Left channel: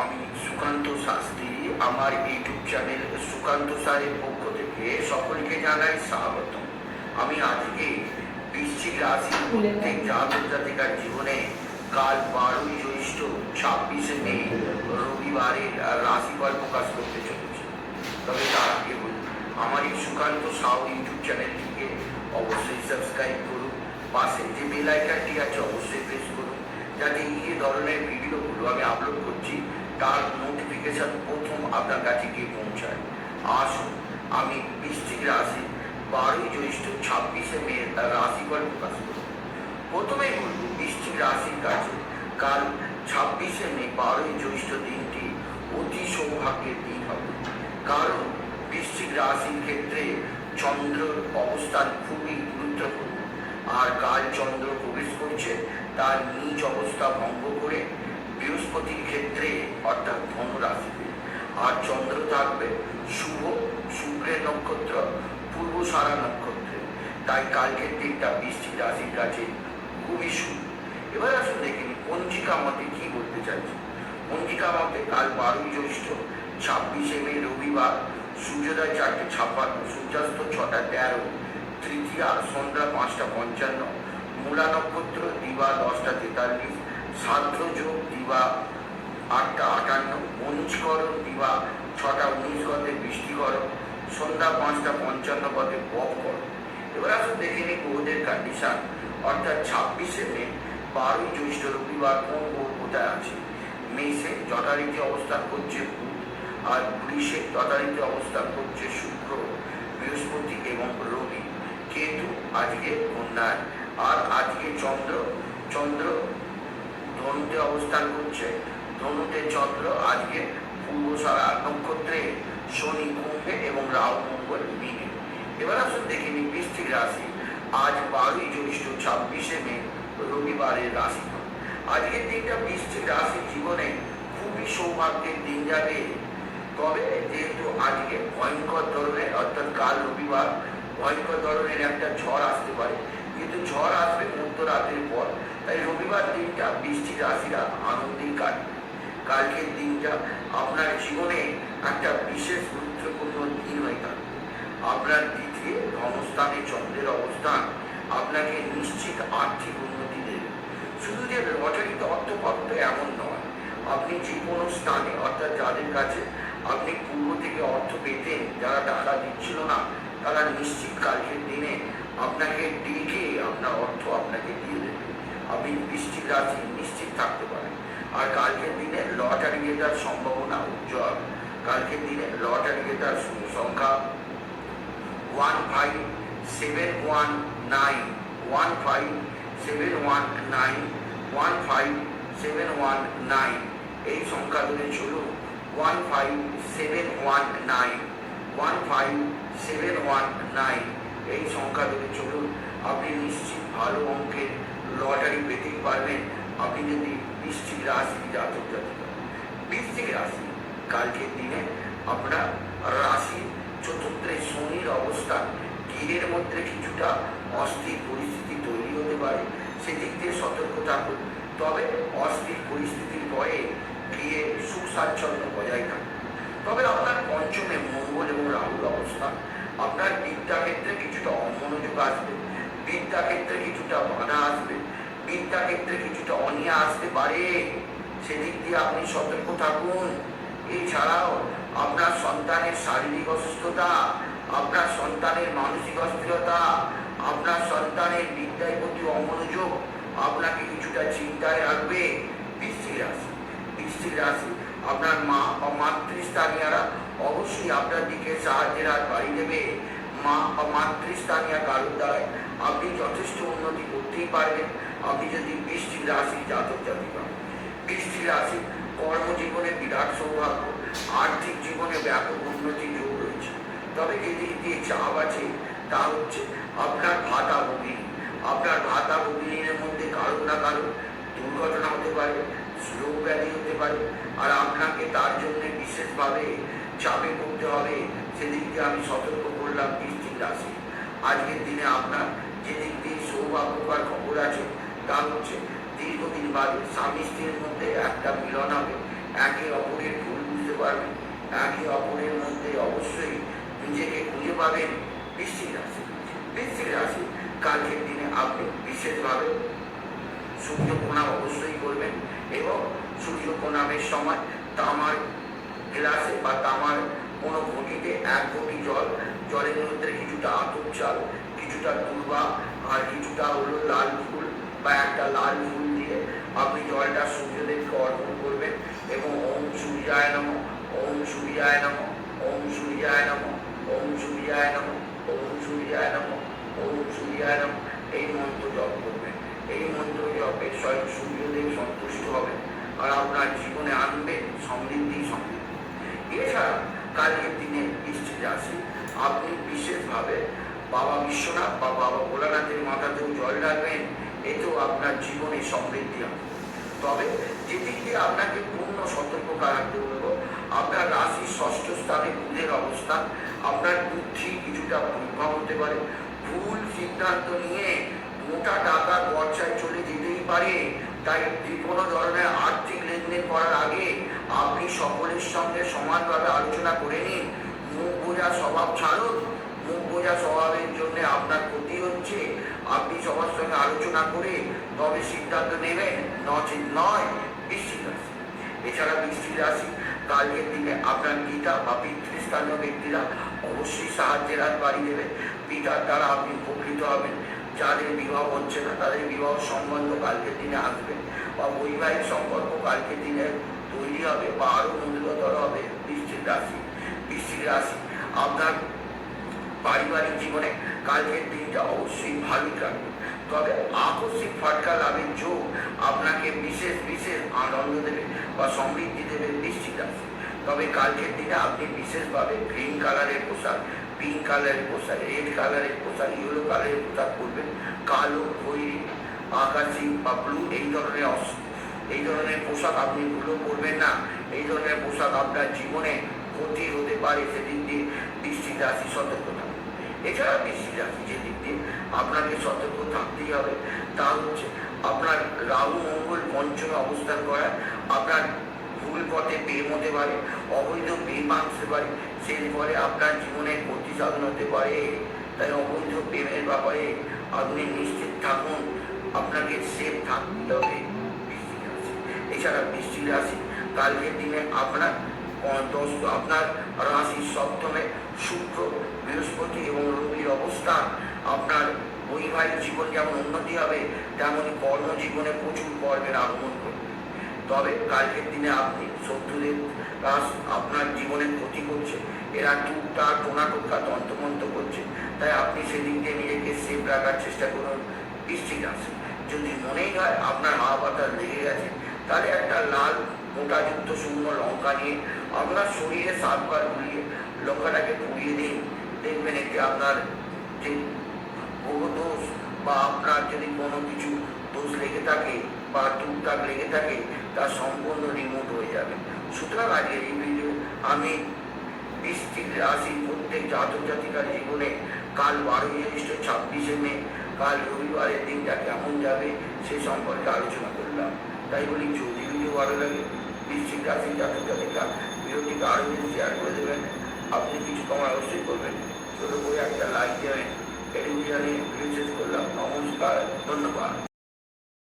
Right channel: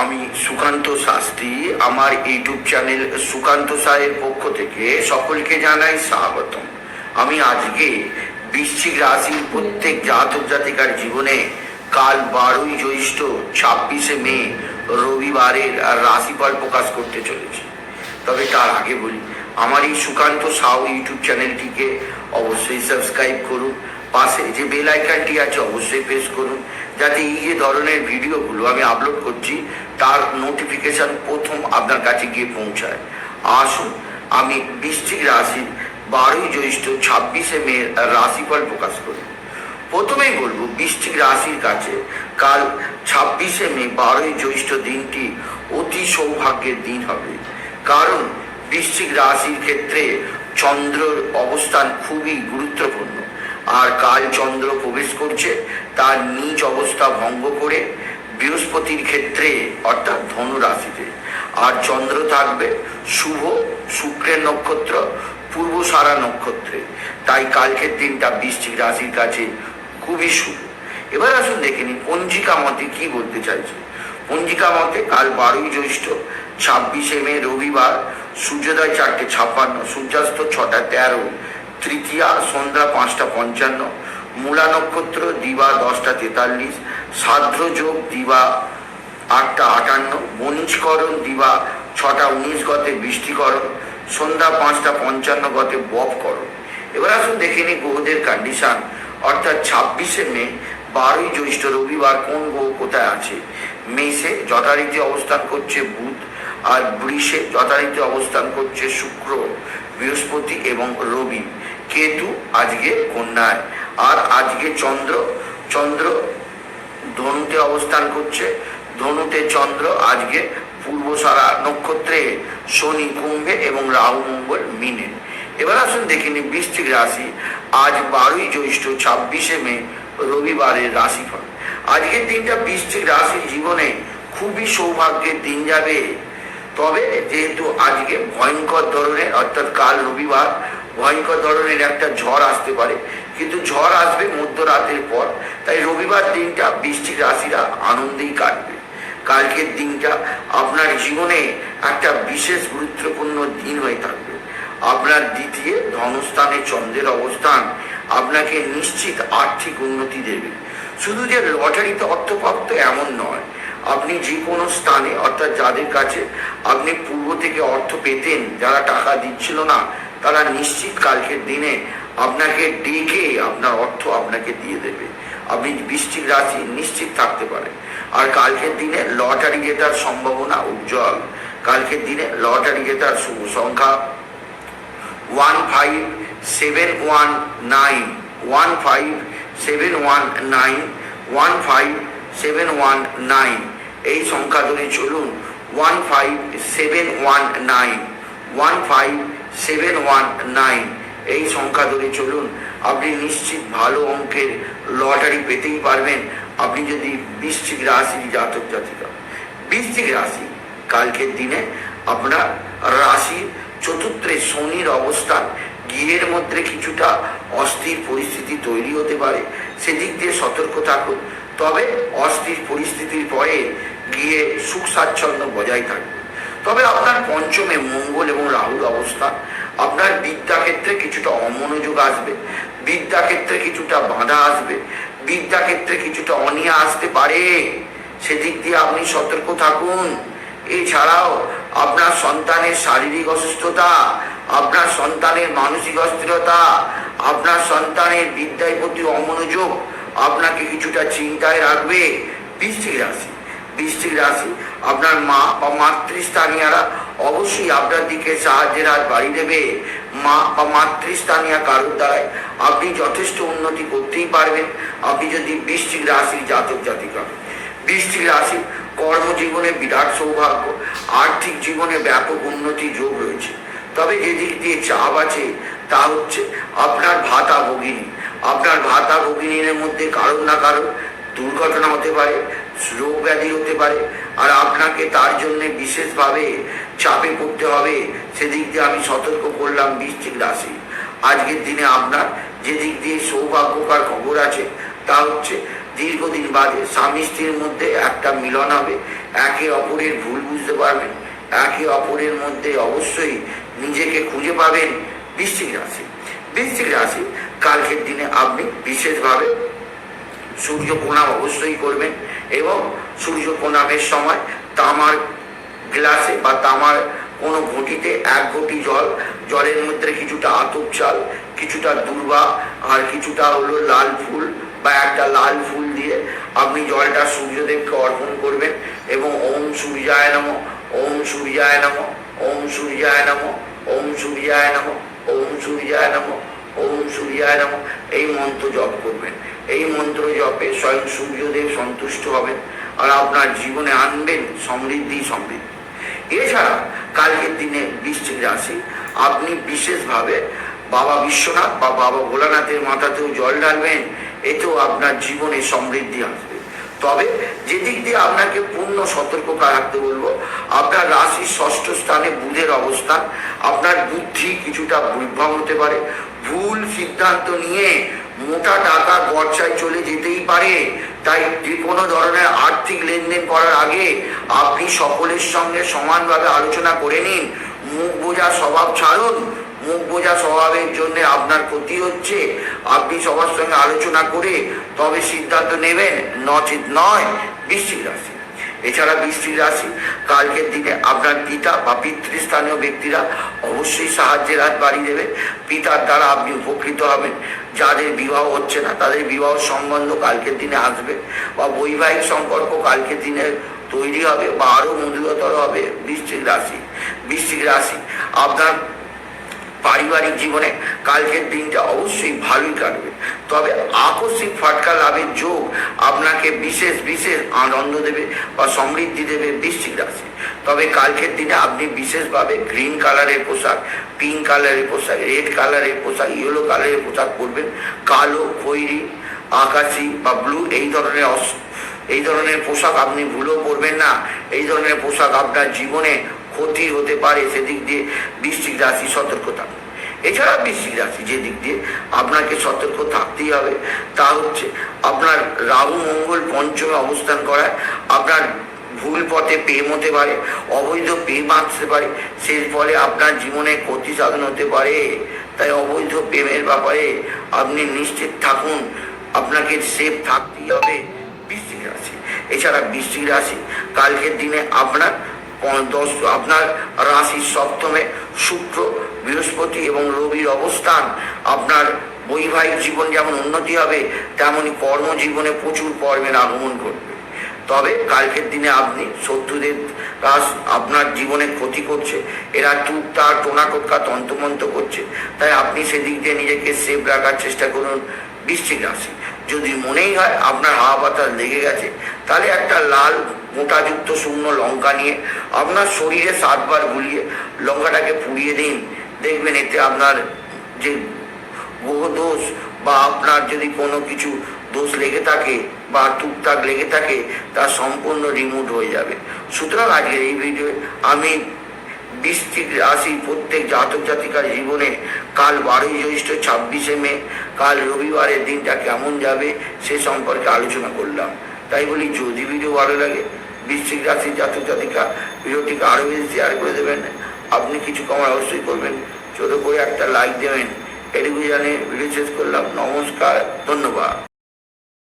আমি সুকান্ত শাস্ত্রী, আমার YouTube channel Sukanta Saher পক্ষ থেকে সকলকে জানাই স্বাগতম। আমি আজকে বৃশ্চিক রাশির প্রত্যেক জাতক জাতিকার জীবনে কাল বারোই জ্যৈষ্ঠ, ছাব্বিশে মে, রবিবারের রাশিফল প্রকাশ করতে চলেছি। তবে তার আগে বলি, আমার এই সুকান্ত সাউ ইউটিউব চ্যানেলটিকে অবশ্যই সাবস্ক্রাইব করুন, পাশে যে বেল আইকনটি আছে অবশ্যই প্রেস করুন যাতে এই যে ধরনের ভিডিওগুলো আমি আপলোড করছি, তার নোটিফিকেশন প্রথম আপনার কাছে গিয়ে পৌঁছায়। আসুন, আমি বৃশ্চিক রাশি বারোই জ্যৈষ্ঠ ছাব্বিশে মে রাশিফল প্রকাশ করি। প্রথমেই বলব বৃশ্চিক রাশির কাছে কাল ছাব্বিশে মে বারোই জ্যৈষ্ঠ দিনটি অতি সৌভাগ্যের দিন হবে। কারণ বৃশ্চিক রাশির ক্ষেত্রে চন্দ্রর অবস্থান খুবই গুরুত্বপূর্ণ। আর কাল চন্দ্র প্রবেশ করছে, তার নিজ অবস্থা ভঙ্গ করে বৃহস্পতির ক্ষেত্রে, অর্থাৎ ধনু রাশিতে আর চন্দ্র থাকবে শুভ, শুক্রের নক্ষত্র, পূর্ব সারা নক্ষত্রে। তাই কালকের দিনটা বৃশ্চিক রাশির কাছে খুবই শুভ। এবার আসুন দেখে নিই, পঞ্জিকা মতে কি বলতে চাইছে? পঞ্জিকা মতে কাল বারোই জ্যৈষ্ঠ, ছাব্বিশে মে রবিবার, সূর্যোদয় চারটে ছাপ্পান্ন, সূর্যাস্ত ছটা তেরো। তৃতীয়া সন্ধ্যা পাঁচটা পঞ্চান্ন। মূলা নক্ষত্র দিবা দশটা তেতাল্লিশ। সাধ্র যোগ দিবা আটটা আটান্ন। বণিজকরণ দিবা ছটা উনিশ গতে বৃষ্টিকরণ। সন্ধ্যা পাঁচটা পঞ্চান্ন গতে বপকরণ। এবার আসুন দেখে নিই গ্রহদের কন্ডিশন অর্থাৎ ছাব্বিশে মে, বারোই জ্যৈষ্ঠ রবিবার কোন গ্রহ কোথায় আছে? মেষে যথারীতি অবস্থান করছে বুধ আর বৃষে যথারীতি অবস্থান করছে শুক্র, বৃহস্পতি এবং রবি। কেতু আজকে কন্যায়। আর আজকে চন্দ্র। চন্দ্র ধনুতে অবস্থান করছে। ধনুতে চন্দ্র আজকে পূর্ব সারা নক্ষত্রে শনি কুম্ভে এবং রাহু মঙ্গল মিনে। এবার আসুন দেখে নিই বৃশ্চিক রাশি। আজ বারোই জ্যৈষ্ঠ ছাব্বিশে মে, রবিবারের রাশিফল। আজকের দিনটা বৃশ্চিক রাশির জীবনে খুবই সৌভাগ্যের দিন যাবে। তবে যেহেতু আজকে ভয়ঙ্কর ধরনের, অর্থাৎ কাল রবিবার ভয়ঙ্কর ধরনের একটা ঝড় আসতে পারে। কিন্তু ঝড় আসবে মধ্যরাতের পর। তাই রবিবার দিনটা বৃষ্টির রাশিরা আনন্দেই কাটবে। কালকের দিনটা আপনার জীবনে একটা বিশেষ গুরুত্বপূর্ণ দিন হয়ে থাকবে। আপনার দ্বিতীয় ধনস্থানে চন্দ্রের অবস্থান আপনাকে নিশ্চিত আর্থিক উন্নতি দেবে। শুধু যে লটারিতে অর্থপ্রাপ্ত এমন নয়, আপনি যে কোনো স্থানে, অর্থাৎ যাদের কাছে আপনি পূর্ব থেকে অর্থ পেতেন, যারা টাকা দিচ্ছিল না তারা নিশ্চিত কালকের দিনে আপনাকে ডেকে আপনার অর্থ আপনাকে দিয়ে দেবে। আপনি বৃষ্টিক রাশি নিশ্চিত থাকতে পারেন। আর কালকের দিনে লটারি জেতার সম্ভাবনা উজ্জ্বল। কালকের দিনে লটারি জেতার শুভ সংখ্যা one five seven one nine one five seven one nine one five seven one nine এই সংখ্যা ধরে চলুন one five seven one nine one five seven one nine এই সংখ্যা ধরে চলুন, আপনি নিশ্চিত ভালো অঙ্কের লটারি পেতেই পারবেন। আপনি যদি বৃশ্চিক রাশির জাতক জাতিকা। বৃশ্চিক রাশি, কালকের দিনে আপনার রাশির চতুর্থে শনির অবস্থান গৃহের মধ্যে কিছুটা অস্থির পরিস্থিতি তৈরি হতে পারে। সেদিক দিয়ে সতর্ক থাকুন। তবে অস্থির পরিস্থিতির পরে গিয়ে সুখ স্বাচ্ছন্দ্য বজায় থাকবে তবে আপনার পঞ্চমে মঙ্গল এবং রাহুর অবস্থান আপনার বিদ্যাক্ষেত্রে কিছুটা অমনোযোগ আসবে, বিদ্যাক্ষেত্রে কিছুটা বাধা আসবে, বিদ্যাক্ষেত্রে কিছুটা অনিয়া আসতে পারে। সেদিক দিয়ে আপনি সতর্ক থাকুন। এছাড়াও আপনার সন্তানের শারীরিক অসুস্থতা, আপনার সন্তানের মানসিক অস্থিরতা, আপনার সন্তানের বিদ্যায় প্রতি অমনোযোগ আপনাকে কিছুটা চিন্তায় রাখবে। বৃশ্চিক রাশি। বৃশ্চিক রাশি। আপনার মা বা মাতৃস্থানীয়রা অবশ্যই আপনার দিকে সাহায্যের হাত বাড়িয়ে দেবে। মা বা মাতৃস্থানীয় কারোর দ্বারাই আপনি যথেষ্ট উন্নতি করতেই পারবেন। আপনি যদি বৃশ্চিক রাশির জাতক জাতিকা। বৃষ্টিক রাশি কর্মজীবনে বিরাট সৌভাগ্য। আর্থিক জীবনে ব্যাপক উন্নতি যোগ রয়েছে। তবে যে দিক দিয়ে চাপ আছে, তা হচ্ছে আপনার ভাতা ভগিনী। আপনার ভাতা ভগিনীর মধ্যে কারও না কারও দুর্ঘটনা হতে পারে। রোগ ব্যাধি হতে পারে। আর আপনাকে তার জন্য বিশেষভাবে চাপে পড়তে হবে। সেদিক দিয়ে আমি সতর্ক করলাম বৃষ্টিক রাশি। আজকের দিনে আপনার যে দিক দিয়ে সৌভাগ্যকর খবর আছে, তা হচ্ছে দীর্ঘদিন বাদে স্বামী স্ত্রীর মধ্যে একটা মিলন হবে। একে অপরের ভুল বুঝতে পারবেন। একে অপরের মধ্যে অবশ্যই নিজেকে খুঁজে পাবেন বৃশ্চিক রাশি। বৃশ্চিক রাশি, কালকের দিনে আপনি বিশেষভাবে সূর্য প্রণাম অবশ্যই করবেন এবং সূর্য প্রণামের সময় তামার গ্লাসে বা তামার কোনো ঘটিতে এক ঘটি জল, জলের মধ্যে কিছুটা আতপ চাল, কিছুটা দুর্বা আর কিছুটা হলো লাল ফুল বা একটা লাল ফুল দিয়ে আপনি জলটা সূর্যদেবকে অর্পণ করবেন এবং ওম সূর্যায় নম, ওম সূর্যায় নম, ওম সূর্যায় নম, ওম সূর্যায় নম, ওম সূর্যায় নম। ওম সূর্যায় নম এই মন্ত্র জপ করবেন। এই মন্ত্র জপে স্বয়ং সূর্যদেব সন্তুষ্ট হবেন আর আপনার জীবনে আনবেন সমৃদ্ধি সমৃদ্ধি। এছাড়া কালকের দিনে বৃশ্চিক রাশি, আপনি বিশেষভাবে বাবা বিশ্বনাথ বা বাবা ভোলানাথের মাথাতেও জল ঢালবেন, এতেও আপনার জীবনে সমৃদ্ধি আসবে। তবে যেদিক দিয়ে আপনাকে পূর্ণ সতর্ক রাখতে বলব, আপনার রাশির ষষ্ঠ স্থানে বুধের অবস্থান, আপনার বুদ্ধি কিছুটা বিভ্রম হতে পারে ভুল সিদ্ধান্ত নিয়ে মোটা টাকা গরচায় চলে যেতেই পারে। তাই যে কোনো ধরনের আর্থিক লেনদেন করার আগে আপনি সকলের সঙ্গে সমানভাবে আলোচনা করে নিন। মুখ বোঝা স্বভাব ছাড়ুন। মুখ বোঝা স্বভাবের জন্য আপনার ক্ষতি হচ্ছে। আপনি সবার সঙ্গে আলোচনা করে তবে সিদ্ধান্ত নেবেন। নচিত নয়, বৃশ্চিক রাশি। এছাড়া বৃষ্টির রাশি, কালকের দিনে আপনার পিতা বা পিতৃস্থানীয় ব্যক্তিরা অবশ্যই সাহায্যের হাত বাড়িয়ে দেবে। পিতার দ্বারা আপনি উপকৃত হবেন। যাদের বিবাহ হচ্ছে না, তাদের বিবাহ সম্বন্ধ কালকের দিনে আসবে বা বৈবাহিক সম্পর্ক কালকের দিনে তৈরি হবে বা আরও মধুরতর হবে বৃশ্চিক রাশি। বৃশ্চিক রাশি, আপনার পারিবারিক জীবনে কালকের দিনটা অবশ্যই ভালোই কাটবে। তবে আকস্মিক ফাটকা লাভের যোগ আপনাকে বিশেষ বিশেষ আনন্দ দেবে বা সমৃদ্ধি দেবে বৃশ্চিক রাশি। তবে কালকের দিনে আপনি বিশেষভাবে গ্রিন কালারের পোশাক, পিঙ্ক কালারের পোশাক, রেড কালারের পোশাক, ইয়েলো কালারের পোশাক পরবেন। কালো, খৈরি, আকাশি বা ব্লু এই ধরনের এই ধরনের পোশাক আপনি ভুলেও পরবেন না। এই ধরনের পোশাক আপনার জীবনে ক্ষতি হতে পারে সেদিক দিয়ে বৃশ্চিক রাশি সতর্ক থাকুন এছাড়া বৃশ্চিক রাশি যে দিক দিয়ে আপনাকে সতর্ক থাকতেই হবে, তা হচ্ছে আপনার রাহু, মঙ্গল, পঞ্চমে অবস্থান করায় আপনার ভুল পথে প্রেম হতে পারে, অবৈধ প্রেম আসতে পারে সেই ফলে আপনার জীবনে ক্ষতি সাধন হতে পারে। তাই অবৈধ প্রেমের ব্যাপারে আপনি নিশ্চিত থাকুন, আপনাকে সেফ থাকতেই হবে বৃশ্চিক রাশি। এছাড়া বৃশ্চিক রাশি, কালকের দিনে আপনার পন- দশ আপনার রাশির সপ্তমে শুক্র, বৃহস্পতি এবং রবির অবস্থান, আপনার বৈবাহিক জীবন যেমন উন্নতি হবে তেমনই কর্মজীবনে প্রচুর কর্মের আগমন করবে তবে কালকের দিনে আপনি শত্রুদের রাস আপনার জীবনে ক্ষতি করছে। এরা টুক তার টোনা টোটকা তন্ত্রমন্ত্র করছে। তাই আপনি সেদিক দিয়ে নিজেকে সেফ রাখার চেষ্টা করুন বৃশ্চিক রাশি। যদি মনেই হয় আপনার হাওয়া বাতাস লেগে গেছে, তাহলে একটা লাল মোটাযুক্ত শূন্য লঙ্কা নিয়ে আপনার শরীরে সাতবার গুলিয়ে লঙ্কাটাকে পুড়িয়ে দিন। দেখবেন এতে আপনার যে দোষ বা আপনার যদি কোনো কিছু দোষ লেগে থাকে বা টুকটাক লেগে থাকে, তা সম্পূর্ণ রিমুভ হয়ে যাবে। সুতরাং আজকের এই ভিডিও আমি বৃষ্টিক রাশি প্রত্যেক জাতক জাতিকার জীবনে কাল বারোই জ্যৈষ্ঠ ছাব্বিশে মে, কাল রবিবারের দিনটা কেমন যাবে সে সম্পর্কে আলোচনা করলাম। তাই বলি যদি ভিডিও ভালো লাগে বৃশ্চিক রাশি জাতক জাতিকা, ভিডিওটিকে আরও বেশি শেয়ার করে দেবেন। আপনি কিছু কমার অবশ্যই করবেন। ছোটো করে একটা লাইক দেবেন। এটুকু জানে ভিডিও শেষ করলাম। নমস্কার, ধন্যবাদ।